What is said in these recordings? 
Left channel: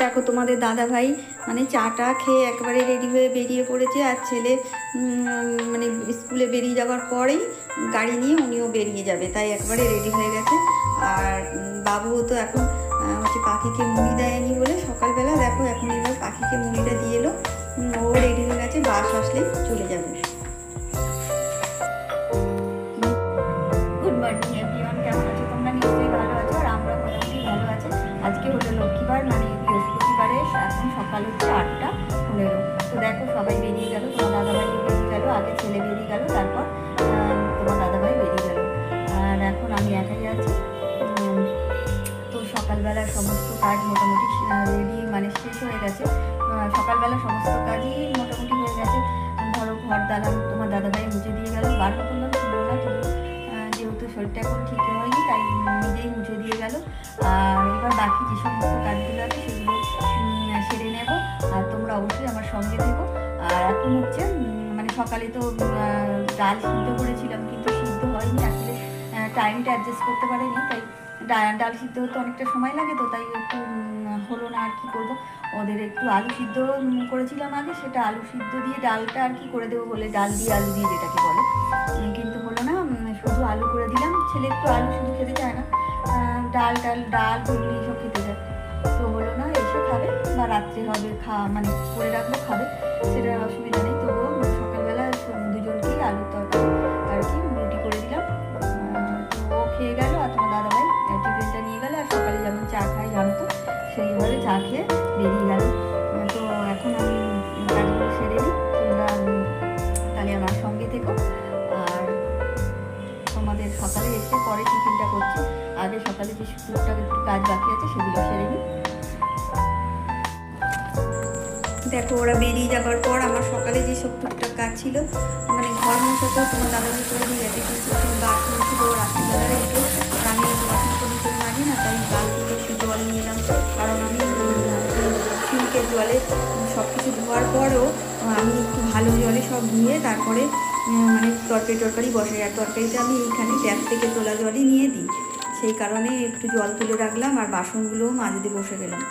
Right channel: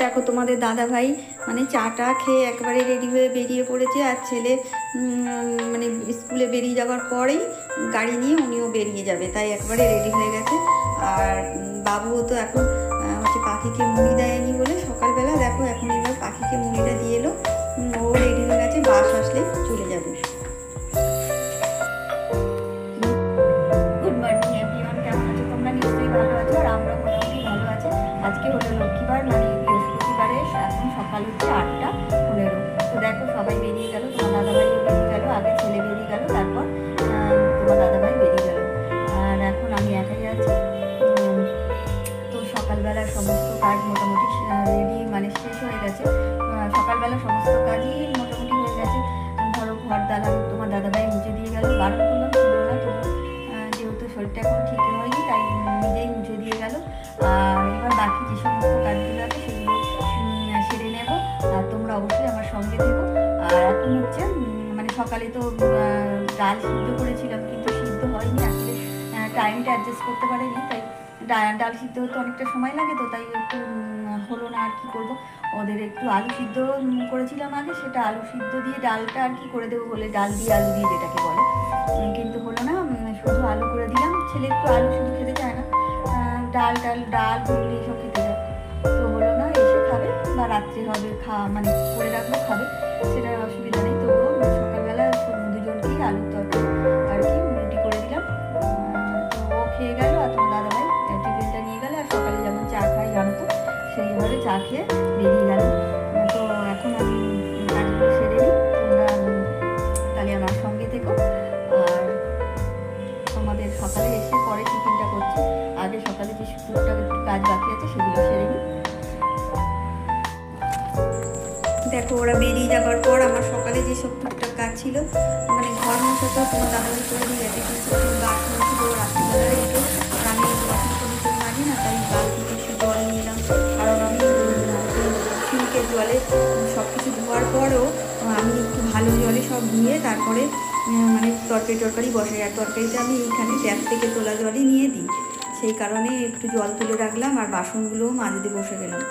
দেখো তোমাদের দাদা ভাই মানে চাটা খেয়ে একবারে রেডি হয়ে বেরিয়ে পড়েছে, আর ছেলে মানে স্কুলে বেরিয়ে যাওয়ার পরেই গাড়ি নিয়ে উনিও বেরিয়ে যাবে, তাই একবারে রেডি হয়ে গেছে। আর বাবুও তো এখন হচ্ছে পাখিকে মুড়ি দেয়নি বলে সকালবেলা দেখো এখন এবার পাখিকে মুড়িটা দিয়ে এলো, ও রেডি হয়ে গেছে, বাস আসলেই চলে যাবে। গুড মর্নিং এভরিওয়ান, কেমন আছো তোমরা? নিশ্চয়ই ভালো আছো, আর আমরা মোটামুটি ভালো আছি। আজকে হলো লক্ষ্মীবার, মানে বৃহস্পতিবারে, এখন সকাল হচ্ছে 8:15। তো দেখো সবাই বেরিয়ে গেল, তোমার দাদাভাইও বেরিয়ে গেল, আগে ছেলে বেরিয়ে গেল, তারপর তোমার দাদাভাই বেরিয়ে গেল, আর এখন আমি একাই আছি। তো সকালবেলার সমস্ত কাজ মোটামুটি রেডি মানে শেষ হয়ে গেছে। সকালবেলা সমস্ত কাজই মোটামুটি হয়ে গেছে। ধরো ঘর দালান তোমার দাদাভাই মুছে দিয়ে গেল, বারণ করলাম ছিল না, তো যেহেতু শরীরটা এখন ঠিক হয়নি তাই নিজেই মুছে দিয়ে গেল। আর এবার বাকি যে সমস্ত কাজগুলো আছে সেগুলো সেরে নেব, আর তোমরা অবশ্যই আমার সঙ্গে থেকো। আর এখন হচ্ছে মানে সকালে তো ডাল সিদ্ধ করেছিলাম, কিন্তু সিদ্ধ হয়নি আসলে, টাইমটা অ্যাডজাস্ট করতে পারিনি, তাই ডাল সিদ্ধ হতে অনেকটা সময় লাগে, তো তাই একটু হলো না। আর কি করব, ওদের একটু আলু সিদ্ধ করেছিলাম আগে, সেটা আলু সিদ্ধ দিয়ে ডালটা আর কি করে দেবো বলে, ডাল দিয়ে আলু দিয়ে যেটাকে বলে, কিন্তু হলো না, শুধু আলু করে দিলাম। ছেলে একটু আলু শুধু খেতে চায় না, ডাল ঘুগনি এসব খেতে যায়, তো হলো না, এসে খাবে বা রাত্রে হবে মানে করে রাখবো খাবে, সেটা অসুবিধা নেই। তবুও সকালবেলা দুজনকেই আলুর তরকারি আর কি রুটি করে দিলাম, তো ও খেয়ে গেল, আর তোমার দাদাভাই টিফিনটা নিয়ে গেল, আর সকালে যেমন চা খাই জানো তো, সেইভাবে চা খেয়ে বেরিয়ে গেল। তো এখন আমি কাজগুলো সেরে নিই, তোমরা তাহলে আমার সঙ্গে থেকো। আর তোমাদের সকালে এসে পরে টিফিনটা করছি, আগে সকালে যে টুকটাক একটু কাজ বাকি আছে সেগুলো সেরে নিই। দেখো ওরা বেরিয়ে যাবার পর আমার সকালে যেসব টুকটাক কাজ ছিল, মানে ঘর মোছাতেও তোমার দাদাভাই করে দিয়ে গেছে, কিন্তু বাথরুম ছিল রাত্রিবেলার একটু, আর আমি একটু বাথরুম করে ভিতরে মারি না, তাই বালতিতে একটু জল নিয়ে এলাম, কারণ আমি সিঙ্কের জলে সব কিছু ধোয়ার পরেও আমি একটু ভালো জলে সব ধুয়ে তারপরে মানে তরকারি বসাই, আর তরকারিটা আমি এইখানে ট্যাপ থেকে তোলা জলই নিয়ে দিই, সেই কারণে একটু জল তুলে রাখলাম, আর বাসনগুলোও মাজতে বসে গেলাম।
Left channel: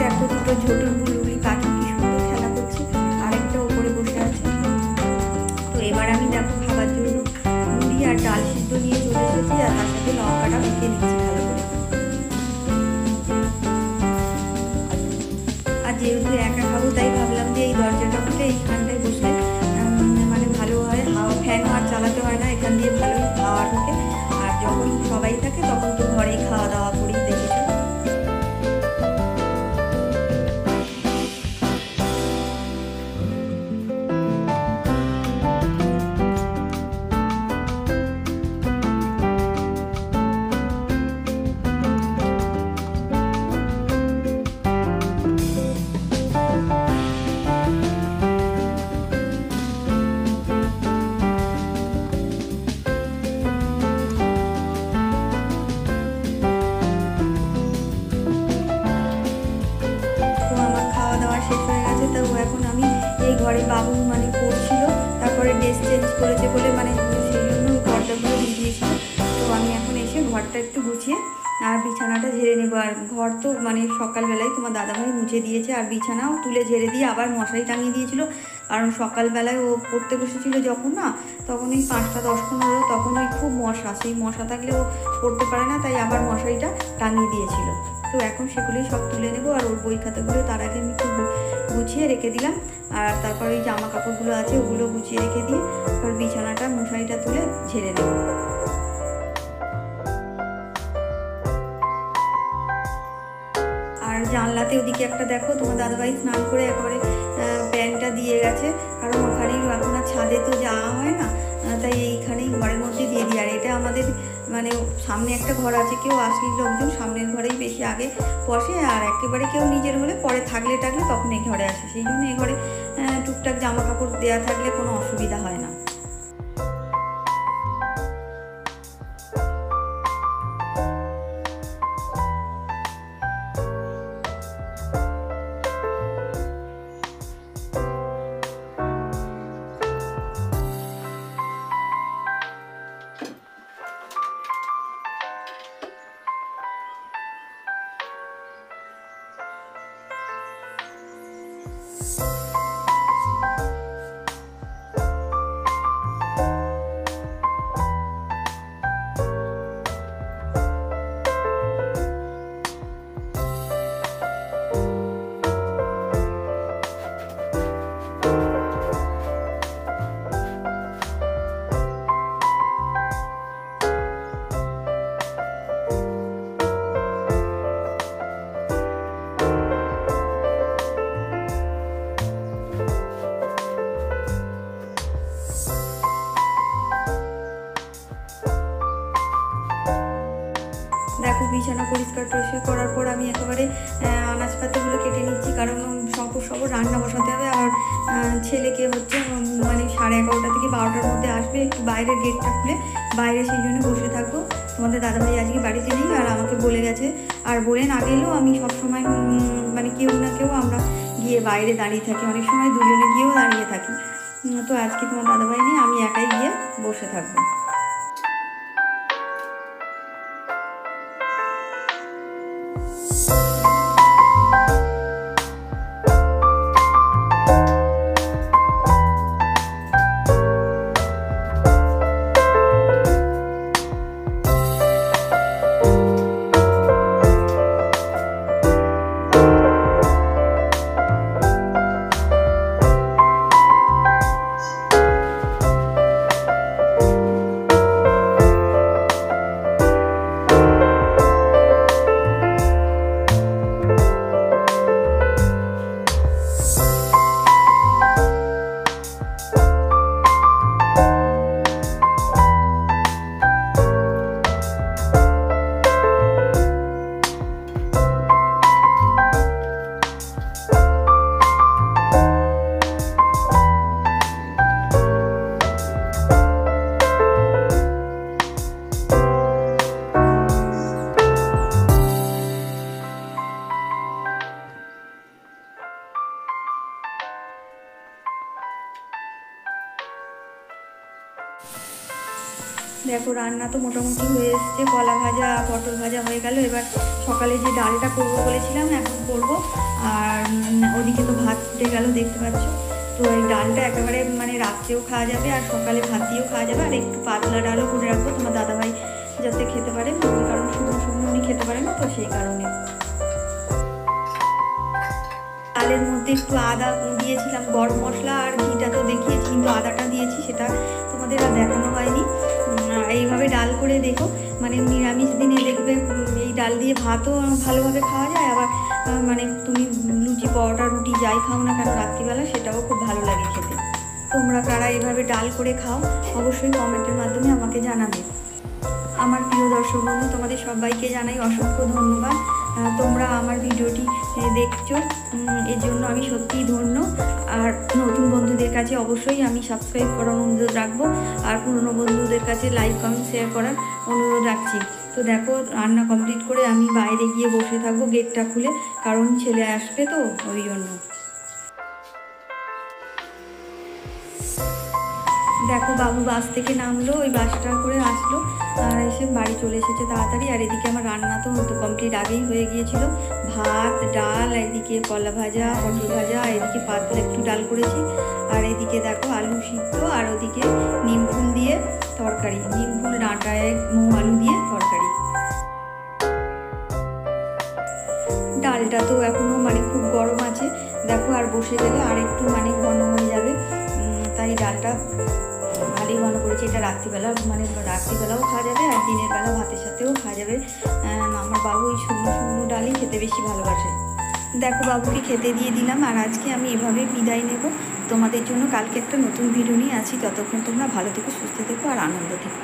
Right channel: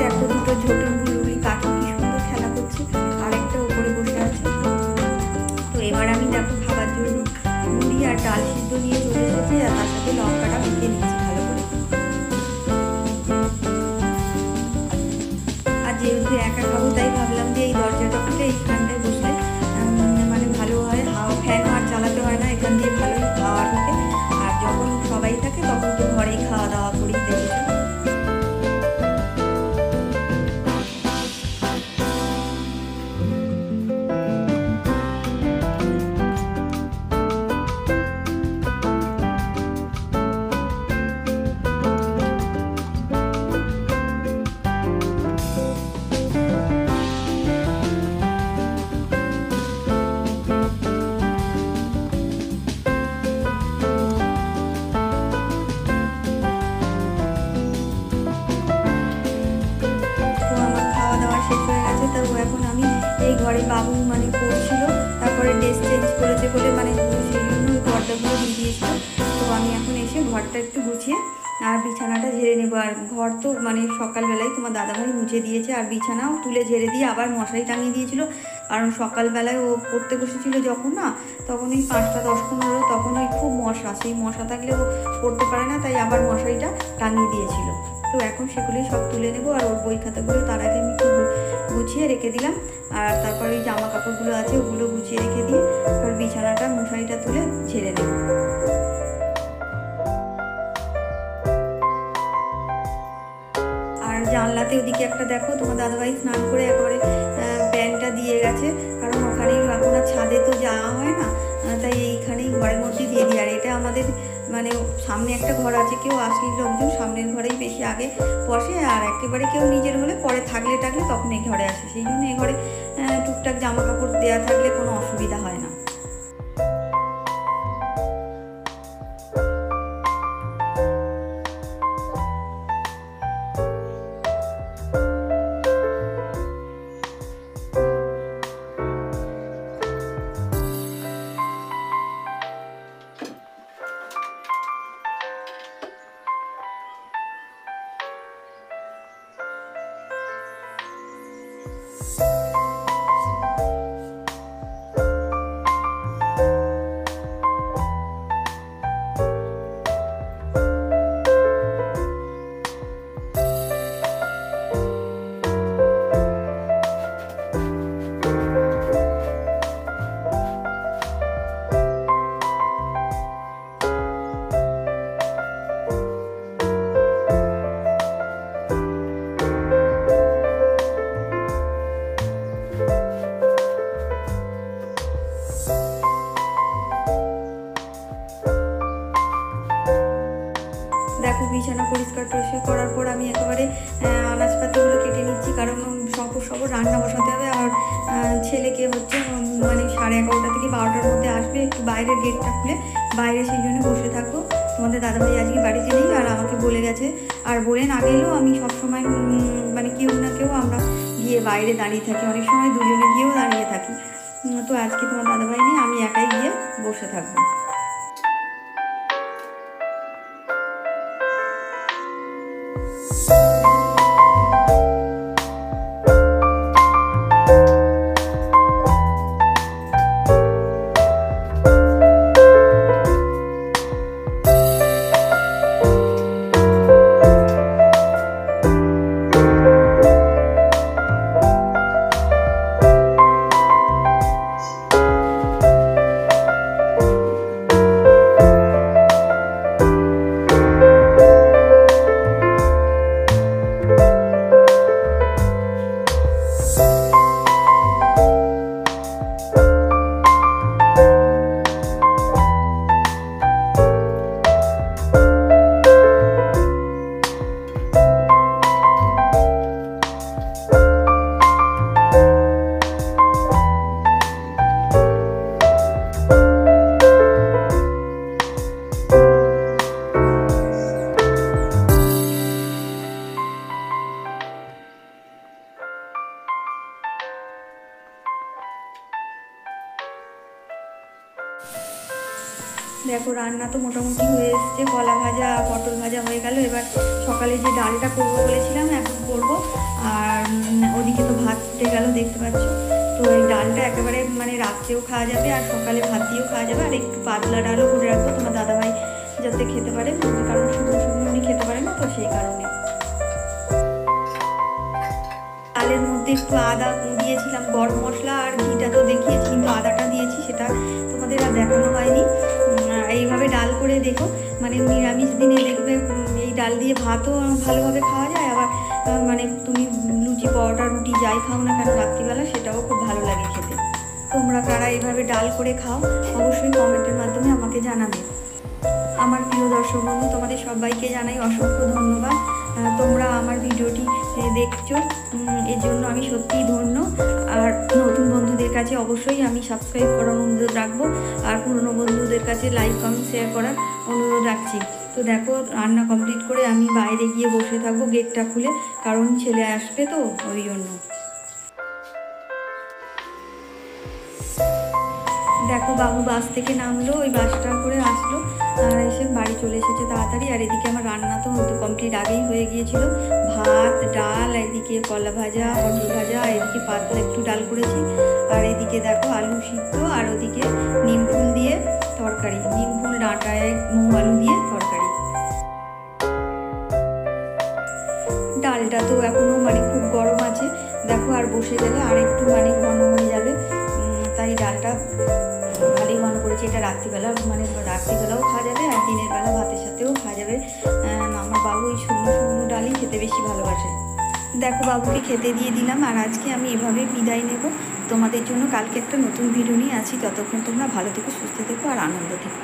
দেখো দুটো ঝোটন বুলবুলি পাখি কি সুন্দর খেলা করছে, আরেকটা ওপরে বসে আছে। তো এবার আমি দেখো খাবার জন্য মুড়ি আর ডাল সিদ্ধ নিয়ে চলে এসেছি, আর তার সাথে লঙ্কাটা মেখে নিচ্ছি ভালো করে। আর যেহেতু একা খাবো তাই ভাবলাম যে এই দরজাটা খুলে এইখানটায় বসলে মানে ভালো হয়, হাওয়া ফ্যানও আর চালাতে হয় না, এখান দিয়ে ভালোই হাওয়া ঢোকে। আর যখন সবাই থাকে তখন তো ঘরেই খাওয়া দাওয়া করি, দেখেছো। শেষ হয়ে গেছে, তো এখন আমি এই ঘরে বাবু মানে পড়ছিল, তারপরে ড্রেস চেঞ্জ করেছে বলে মানে সেই জন্য ওই পর্দাগুলো দিয়ে দিয়েছিল। তো আমি এখন এসে ঘরটা একটু গুছিয়ে আর বিছানাটা ঝেড়ে নেবো। আর ঘর তো মানে সকালবেলায় তোমার দাদাভাই মুছে দিয়েছে, আর বিছানাও তুলে ঝেড়ে দিয়ে আবার মশারি টাঙিয়ে দিয়েছিল, কারণ সকালবেলায় ও পড়তে বসেছিল যখন না, তখন ওই 5টা 10-15 তখন ওই খুব মশা, সেই মশা থাকলে ও পড়তে পারে না, তাই আবার মশারিটা টাঙিয়ে দিয়েছিল। তো এখন সেগুলোই সব তুলে নেবো, আর ওর বই খাতাগুলো তার আগে আমি একটু গুছিয়ে রেখে দিলাম। আর তারপর ওই জামা কাপড়গুলো আছে ওগুলো গুছিয়ে রেখে দিয়ে তারপর বিছানাটা মশারিটা তুলে ঝেড়ে নেব। আর জানলাতে ওদিকে একটা দেখো, তোমার দাদাভাই স্নান করে একেবারে প্যান্টটা দিয়ে গেছে, কারণ ওখানেই এখন আর ছাদে তো যাওয়া হয় না, তাই এইখানেই ঘরের মধ্যে দিয়ে দিই। আর এটা আমাদের মানে সামনে একটা ঘর আছে, কেউ আসলে লোকজন সামনের ঘরেই বেশি আগে বসে, আর একেবারে কেউ নিজের হলে পরে থাকলে তখন এই ঘরে আসে, সেই জন্য এই ঘরে টুকটাক জামা কাপড় দেওয়া থাকলে কোনো অসুবিধা হয় না। দেখো বিছানা পরিষ্কার করার পর আমি একেবারে আনাজপাতিগুলো কেটে নিচ্ছি, কারণ সব রান্না বসাতে হবে। আর ছেলেকে হচ্ছে মানে 11:30 থেকে 12টার মধ্যে আসবে, একটু বাইরের গেটটা খুলে বাইরে, সেই জন্য বসে থাকবো। তোমাদের দাদাভাই আজকে বাড়িতে নেই, আর আমাকে বলে গেছে, আর বলে না গেলেও আমি সবসময় মানে কেউ না কেউ আমরা গিয়ে বাইরে দাঁড়িয়ে থাকি, অনেক সময় দুজনে গিয়েও দাঁড়িয়ে থাকি। তো আজকে তোমার দাদাভাই নেই, আমি একাই গিয়ে বসে থাকবো। দেখো রান্না তো মোটামুটি হয়ে এসছে, কলা ভাজা পটল ভাজা হয়ে গেল। এবার সকালে যে ডালটা করবো বলেছিলাম এখন করব। আর ওদিকে তো ভাত ফুটে গেল দেখতে পাচ্ছ। তো এই ডালটা একেবারে মানে রাত্রেও খাওয়া যাবে আর সকালে ভাত দিয়েও খাওয়া যাবে। আর একটু পাতলা ডালও করে রাখবো তোমার দাদাভাই যাতে খেতে পারে, কারণ শুকনো শুকনো উনি খেতে পারে না, তো সেই কারণে। ডালের মধ্যে একটু আদা দিয়েছিলাম, গরম মশলা আর ঘিটা তো দেখিয়েছি, কিন্তু আদাটা দিয়েছি সেটা তোমাদের আর দেখানো হয়নি। এইভাবে ডাল করে দেখো, মানে নিরামিষ দিনে দেখবে এই ডাল দিয়ে ভাতও ভালোভাবে খাওয়া যায়, আবার মানে তুমি লুচি পরোটা রুটি যাই খাও না কেন রাত্রিবেলা সেটাও খুব ভালো লাগে খেতে। তোমরা কারা এইভাবে ডাল করে খাও অবশ্যই কমেন্টের মাধ্যমে আমাকে জানাবে। আমার প্রিয় দর্শক বন্ধু, তোমাদের সবাইকে জানাই অসংখ্য ধন্যবাদ। তোমরা আমার ভিডিওটি দেখছো, এর জন্য আমি সত্যিই ধন্য। আর নতুন বন্ধুদের কাছে অবশ্যই আমি সাবস্ক্রাইব করার অনুরোধ রাখবো, আর পুরনো বন্ধুদের কাছে লাইক কমেন্ট শেয়ার করার অনুরোধ রাখছি। তো দেখো রান্না কমপ্লিট করে আমি বাইরে গিয়ে বসে থাকবো গেটটা খুলে, কারণ ছেলে আসবে তো ওই জন্য। দেখো বাবু বাস থেকে নামলো, ওই বাসটা করে আসলো আর এসে বাড়ি চলে এসেছে তাড়াতাড়ি। আর এদিকে আমার রান্না তো হয়তো কমপ্লিট আগেই হয়ে গিয়েছিল, ভাত ডাল, এদিকে কলা ভাজা পটল ভাজা, আর এদিকে পাতলা একটু ডাল করেছি, আর এদিকে দেখো আলু সিদ্ধ, আর ওদিকে নিম ফুল দিয়ে তরকারি, নিম ফুল ডাঁটায় মৌ আলু দিয়ে তরকারি। ডালটা তো এখনও মানে খুব গরম আছে দেখো, আর বসে গেলে আর একটু মানে ঘন হয়ে যাবে, তাই ডালটা ভালোই ঘন করেছি। এটা রাত্রিবেলা মানে রাত্রিবেলাও খাওয়া যাবে আর দিনের বেলা ভাতের সাথেও খাওয়া যাবে। আমার বাবু ওই শুকনো শুকনো ডালই খেতে বেশি ভালোবাসে। দেখো বাবুকে খেতে দিয়ে দিলাম, আর আজকে আমি এভাবে বিদায় নেব। তোমাদের জন্য কালকে একটা নতুন ভিডিও নিয়ে আছি, ততক্ষণ তোমরা ভালো থেকো, সুস্থ থেকো আর আনন্দ থেকো।